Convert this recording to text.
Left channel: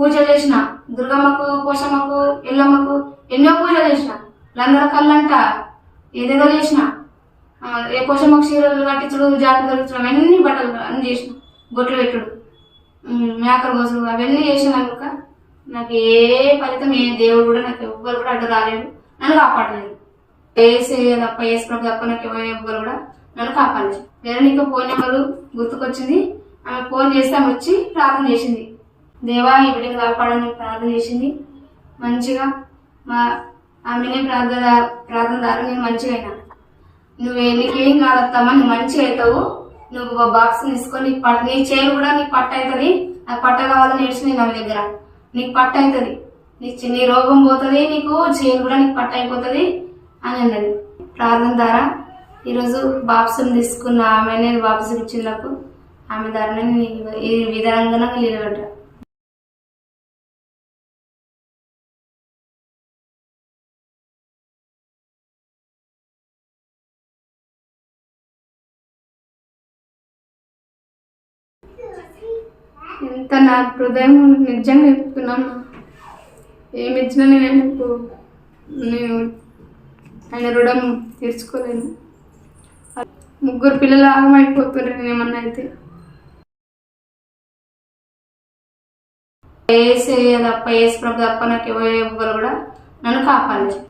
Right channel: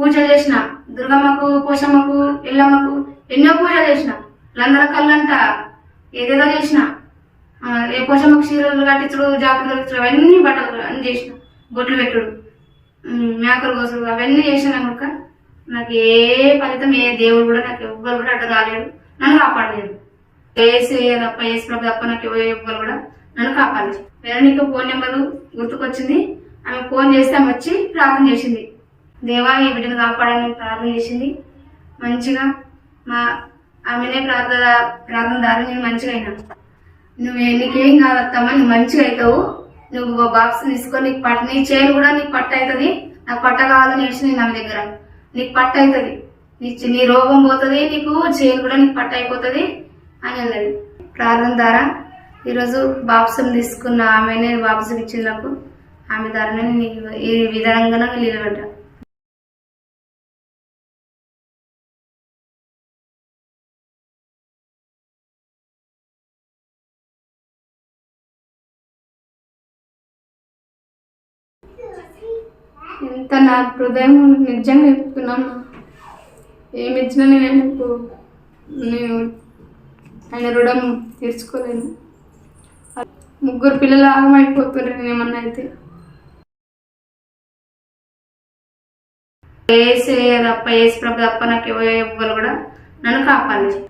పూజలు చేసిన దుర్గమ్మకు, పోషమ్మకు, ఎల్లమ్మకు ఎన్నో పూజలు చేసిన. లందన కళ్ళంట ఏదేదో చేసిన. ఏ పోషమ్మకు చీరలు కట్టించుడు, జాకెట్లు కట్టించడం, అవన్నీ బట్టలు అన్ని చేసిన. బొట్లు పెట్టుడు, మేకలు కోసుడు అవన్నీ చేసిన కనుక నాకు ఏ ఫలితం, ఏ దేవుడు కూడా నాకు ఎవ్వరు కూడా అడ్డు రాలేడు, నన్ను కాపాడలేదు. ఏసు తప్ప, ఏసు ప్రభు తప్ప నాకు ఎవ్వరు కూడా నన్ను కాపాడలేదు. వేరే నీకు ఫోన్ నెంబరు గుర్తుకొచ్చింది. ఆమె ఫోన్ చేస్తే ఆమె వచ్చి ప్రార్థన చేసింది. దేవా ఈ బిడ్డను కాపాడని ప్రార్థన చేసింది. మంచిగా ఆమెనే ప్రార్థన దారి నేను మంచిగా అయినా. నీకేం కాదత్తమ్మా, నువ్వు మంచిగా అవుతావు, నువ్వు బాక్స్ తీసుకొని నీ చేను కూడా నీకు పట్టు అవుతుంది. నాకు పట్ట కావాలని నేర్చుకుని నా దగ్గర నీకు పట్టు అవుతుంది, నీ రోగం పోతుంది, నీకు చేను కూడా నీకు పట్టు అయిపోతుంది అని అన్నది. ప్రార్థన ద్వారా ఈరోజు బాప్సుని తీసుకున్న ఆమెనే బాప్సుకి ఇచ్చింది నాకు. ఆమె ద్వారా ఈ విధంగా నిలబడ్డా. ఎంత నా హృదయం నిజంగా చెప్తున్నాను. ఏమి ఇచ్చినా నేను ఆయన రుణం తీర్చుకోలేను. 3 పిల్లలు ఆగమైపోతున్నారు నేనేమన్నా అయితే. ఏసు తప్ప, ఏసు ప్రభు తప్ప నాకు ఎవరు కూడా నన్ను కాపాడలేదు.